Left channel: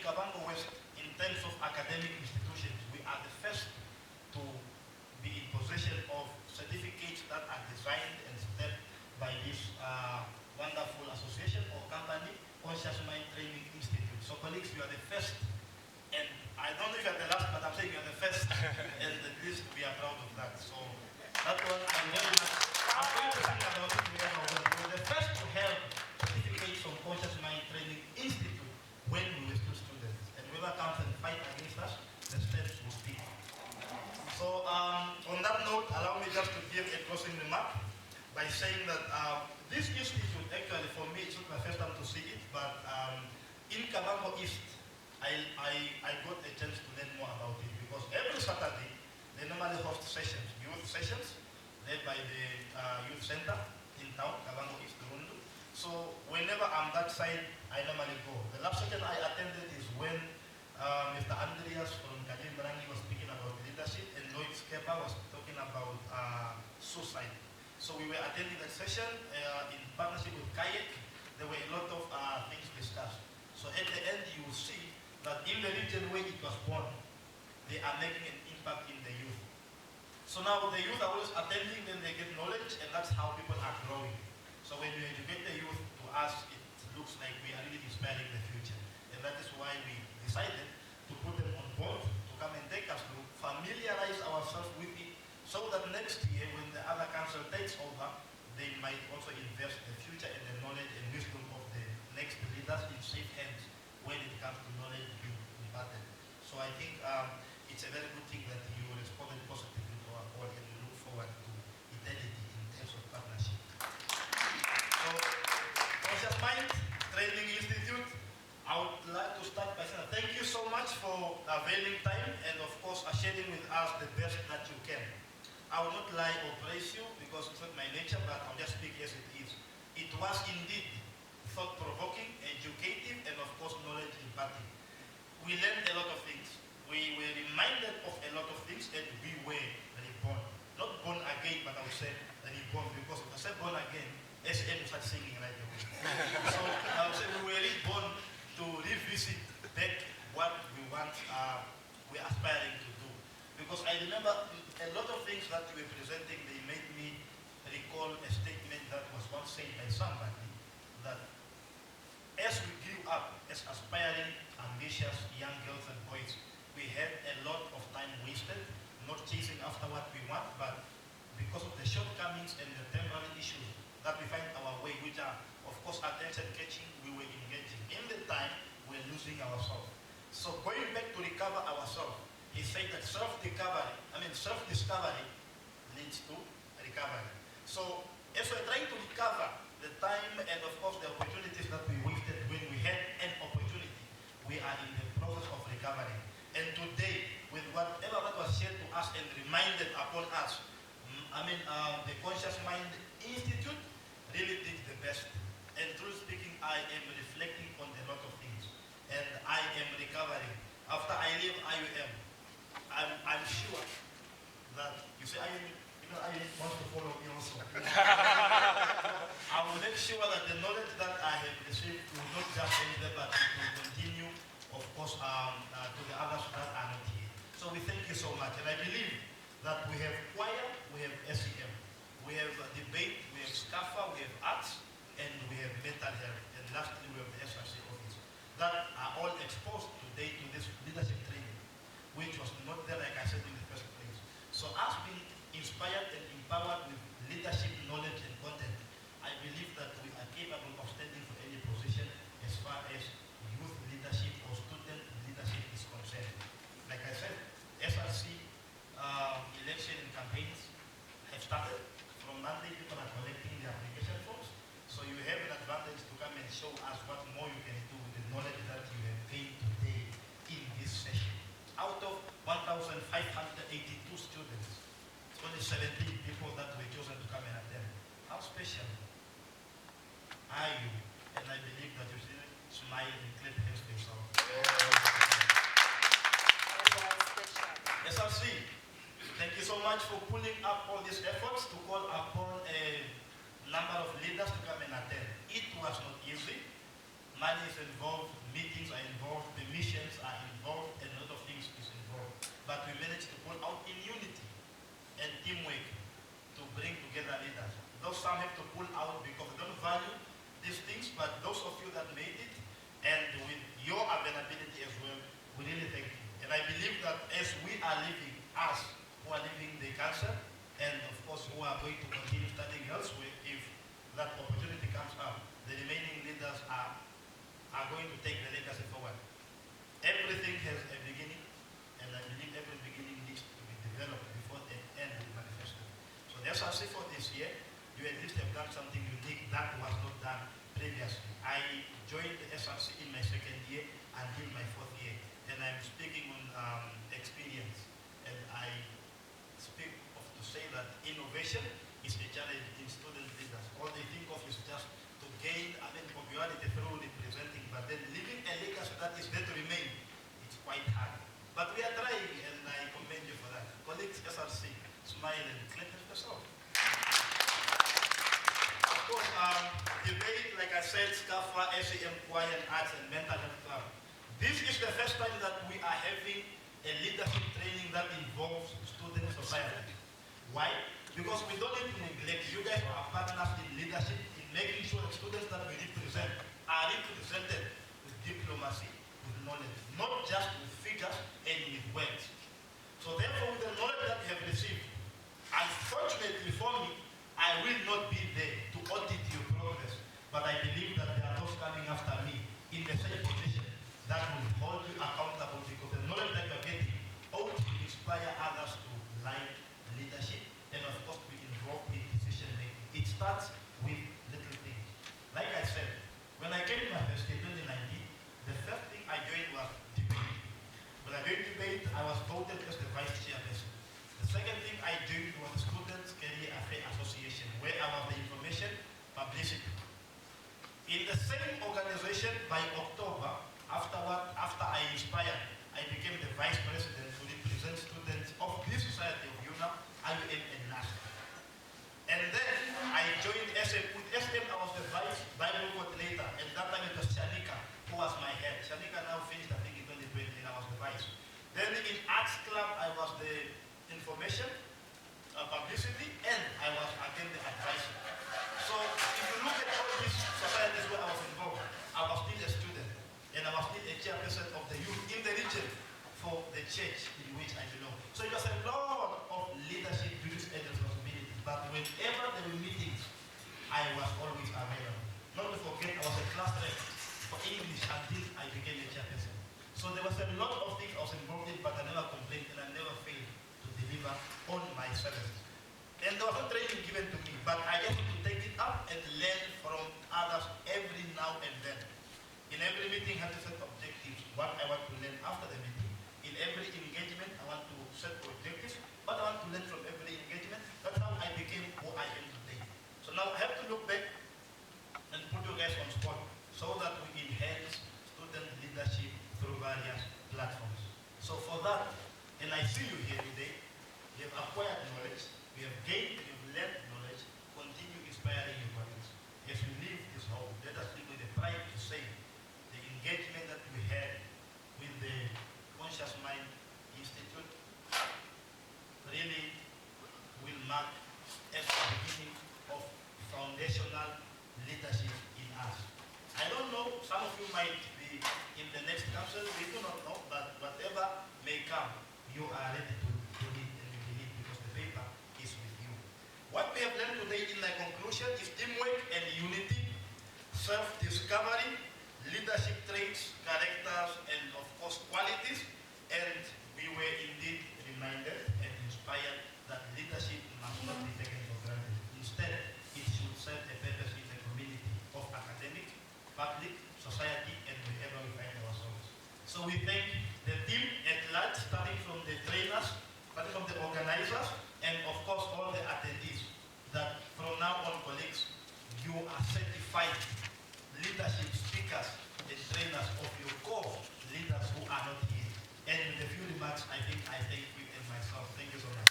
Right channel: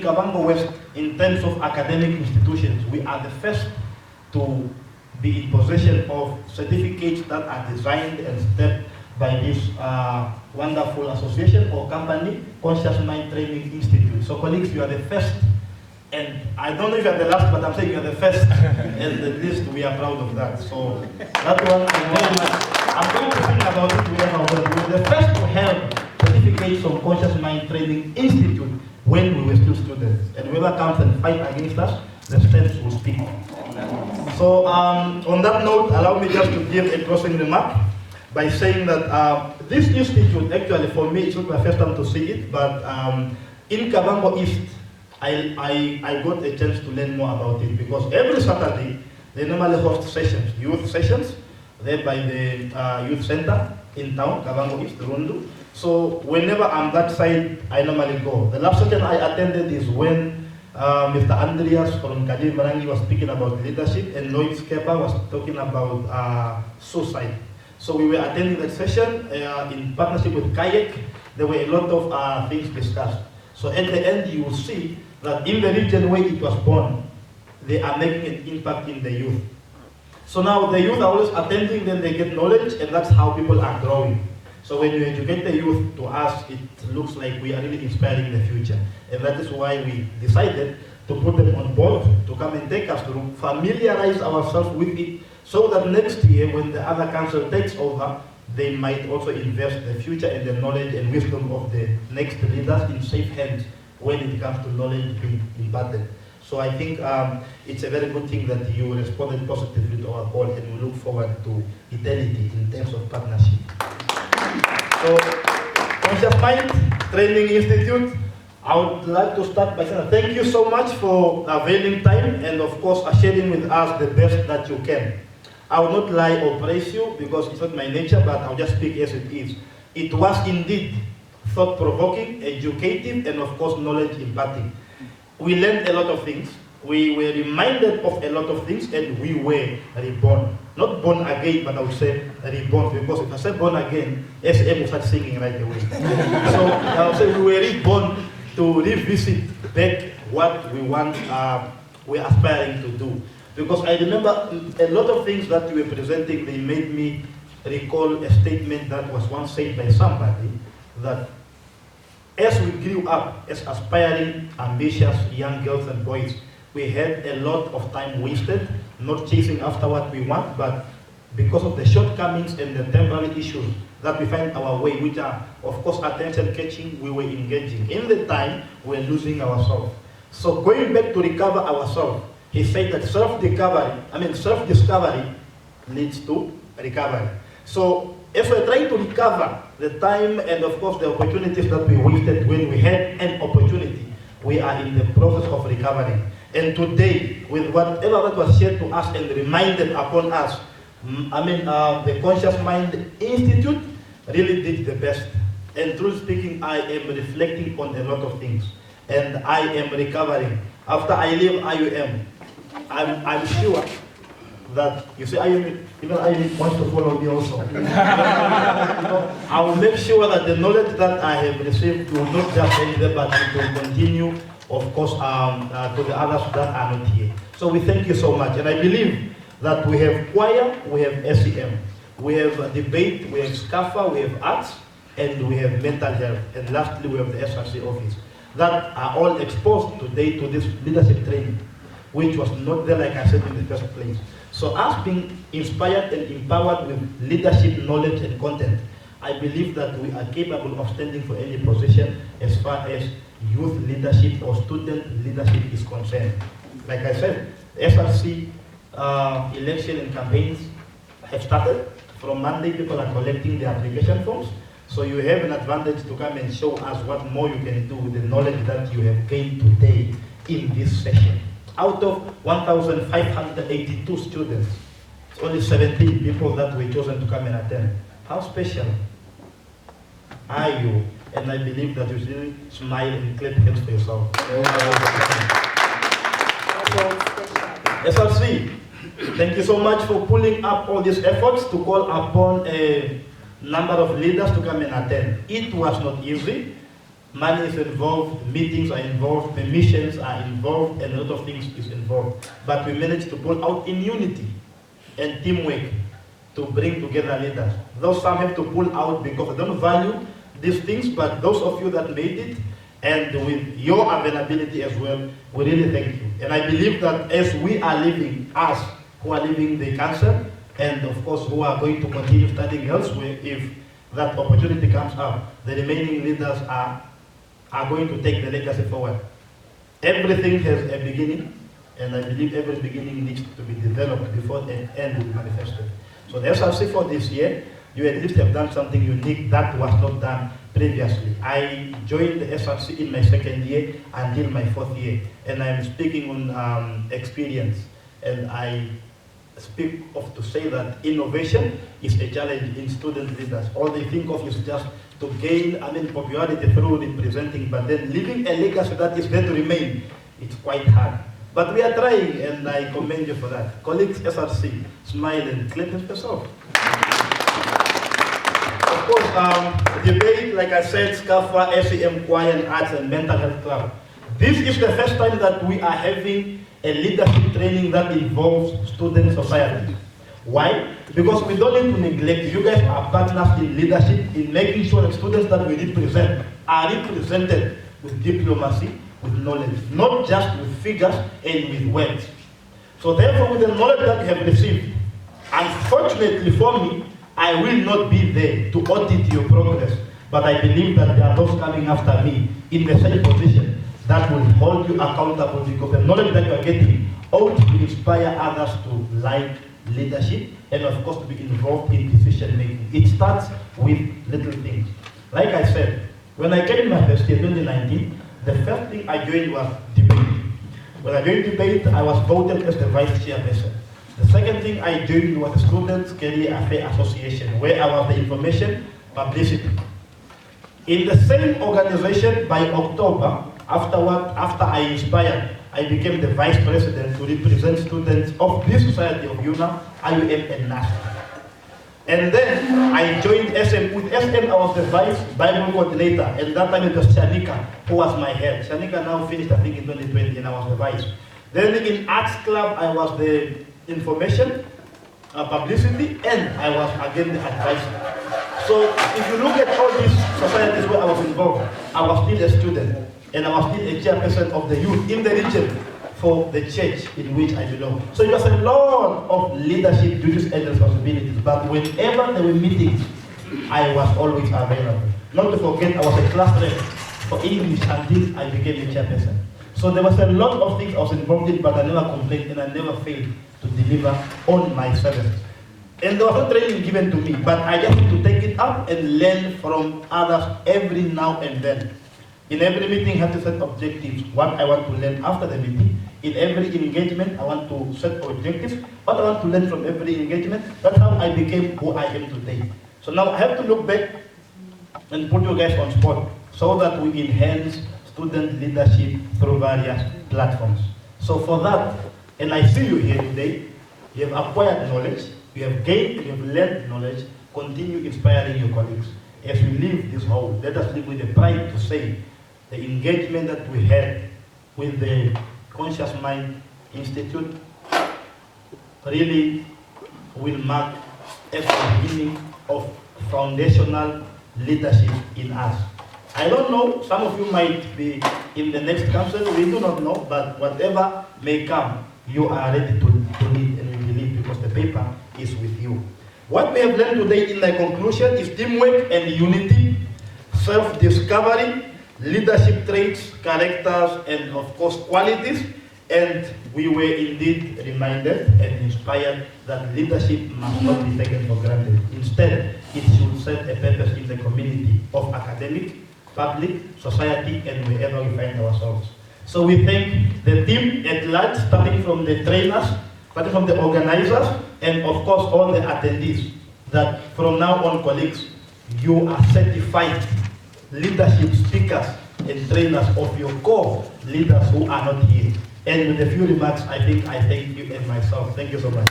Kavango West, in terms of academic institutions, we are the first to be in possession of certificates that are designed and stepped by this wonderful association or company, Conscious Mind Training Institute. So colleagues, you are the first, and I don't know if you are the last, but I'm saying you are the first, and at least we are proud of that. So that one, I'm going to think about it later, but we were the first to have certificates from Conscious Mind Training Institute when we were still students. And whoever comes and fight against us, the steps will speak. So on that note, allow me just to give a closing remark by saying that this institute, actually for me, it's not my first time to see it, but in Kavango East, I got a chance to learn more about it, because every Saturday, they normally host sessions, youth sessions, there by the youth center in town, Kavango East, Rundu. So whenever I'm that side, I normally go. The last session I attended is when Mr. Andreas from Kajim Marangi was speaking about leadership, and Lloyd Skepa was talking about suicide. So we were attending that session in partnership with Kayak. There were a lot of things discussed. So at the end, you will see that in the region where it was born, they are making an impact in the youth. So now the youth are always attending, then they get knowledge, and that's how people are growing. So when you educate the youth, to us, it looks like we are really inspiring the future. And that is why we decided to put them on board, to come and take us through, familiarize ourselves with it, so that next year, when the other council takes over, they might also invest the future and the knowledge and wisdom of the next leaders in safe hands when it comes to knowledge being imparted. So I think it's a very good thing that you responded positively to our call, and we look forward to eternity in terms of partnership. So, Conscious Mind Training Institute, I would like to start by saying thank you so much for availing time and of course sharing with us the best that you can. I will not lie or praise you because it's not my nature, but I'll just speak as it is. It was indeed thought-provoking, educative, and of course knowledge imparting. We learned a lot of things. We were reminded of a lot of things, and we were reborn. Not born again, but I would say reborn, because if I say born again, SM will start singing right away. So I would say we were reborn to revisit back what we want, we're aspiring to do. Because I remember a lot of things that you were presenting, they made me recall a statement that was once said by somebody, that as we grew up as aspiring, ambitious young girls and boys, we had a lot of time wasted, not chasing after what we want, but because of the shortcomings and the temporary issues that we find our way, which are, of course, attention-catching, we were engaging. In the time, we're losing ourselves. So going back to recover ourselves, he said that self-discovery leads to recovery. So if we're trying to recover the time and, of course, the opportunities that we wasted when we had an opportunity, we are in the process of recovering. And today, with whatever that was shared to us and reminded upon us, the Conscious Mind Institute really did the best. And truly speaking, I am reflecting on a lot of things. And I am recovering. After I leave IUM, I'm sure that, you see, IUM, even IUM wants to follow me also. I will make sure that the knowledge that I have received will not just end there, but it will continue, of course, to the others that are not here. So we thank you so much. And I believe that we have choir, we have SEM, we have debate, we have SCAFA, we have arts, and we have mental health. And lastly, we have the SRC office. That are all exposed today to this leadership training, which was not there, like I said, in the first place. So us being inspired and empowered with leadership, knowledge, and content, I believe that we are capable of standing for any position as far as youth leadership or student leadership is concerned. Like I said, SRC election and campaigns have started. From Monday, people are collecting the application forms. So you have an advantage to come and show us what more you can do with the knowledge that you have gained today in this session. Out of 1,582 students, it's only 17 people that were chosen to come and attend. How special are you? And I believe that you should smile and clap hands for yourself. SRC, thank you so much for pulling up all these efforts to call upon a number of leaders to come and attend. It was not easy. money is involved, meetings are involved, permissions are involved, and a lot of things is involved. But we managed to pull out in unity and teamwork to bring together leaders. Though some have to pull out because they don't value these things, but those of you that made it, and with your availability as well, we really thank you. And I believe that as we are living, us who are living the council, and of course who are going to continue studying elsewhere, if that opportunity comes up, the remaining leaders are going to take the legacy forward. Everything has a beginning, and I believe every beginning needs to be developed before the end will be manifested. So the SRC for this year, you at least have done something unique that was not done previously. I joined the SRC in my second year until my fourth year, and I'm speaking on experience, and I speak of to say that innovation is a challenge in student leaders. All they think of is just to gain popularity through representing, but then leaving a legacy that is there to remain, it's quite hard. But we are trying, and I commend you for that. Colleagues, SRC, smile and clap yourself. Of course, debate, like I said, SCAFA, SEM, Choir and Arts and Mental Health Club. This is the first time that we are having a leadership training that involves student society. Why? Because we don't need to neglect. You guys are partners in leadership, in making sure that students that we represent are represented with diplomacy, with knowledge, not just with figures and with words. So therefore, with the knowledge that we have received, unfortunately for me, I will not be there to audit your progress, but I believe that there are those coming after me in the same position that will hold you accountable, because the knowledge that you are getting ought to inspire others to like leadership and of course to be involved in decision making. It starts with little things. Like I said, when I came in my first year, 2019, the first thing I joined was debate. When I joined debate, I was voted as the vice chairperson. The second thing I joined was the Students' Career Affairs Association, where I was the information publicity. In the same organization, by October, after I inspired, I became the vice president to represent students of this society of UNA, IUM, and NASA. And then I joined SM. With SM, I was the vice Bible coordinator, and that time it was Shanika who was my head. Shanika now finished, I think, in 2020, and I was the vice. Then in Arts Club, I was the information, publicity, and I was again the advisor. So if you look at all these societies where I was involved, I was still a student, and I was still a chairperson of the youth in the region for the church in which I belong. So it was a lot of leadership duties and responsibilities, but whenever there were meetings, I was always available. Not to forget, I was a class rep for English until I became a chairperson. So there was a lot of things I was involved in, but I never complained and I never failed to deliver on my services. And there was no training given to me, but I just need to take it up and learn from others every now and then. In every meeting, I have to set objectives, what I want to learn after the meeting. In every engagement, I want to set objectives, what I want to learn from every engagement. That's how I became who I am today. So now I have to look back and put you guys on spot so that we enhance student leadership through various platforms. So for that, and I see you here today, you have acquired knowledge, you have gained, you have learned knowledge, continue inspiring your colleagues. As we leave this hall, let us live with the pride to say the engagement that we had with the Conscious Mind Institute really will mark a beginning of foundational leadership in us. I don't know, some of you might be in the next council, we do not know, but whatever may come, you are ready to lead, and we believe because the paper is with you. What we have learned today in the conclusion is teamwork and unity, self-discovery, leadership traits, characters, and of course qualities. And we were indeed reminded and inspired that leadership must not be taken for granted. Instead, it should serve a purpose in the community of academic, public, society, and wherever we find ourselves. So we thank the team at large, starting from the trainers, starting from the organizers, and of course all the attendees, that from now on, colleagues, you are certified leadership speakers and trainers of your core leaders who are not here. And with a few remarks, I think I thank you and myself. Thank you so much.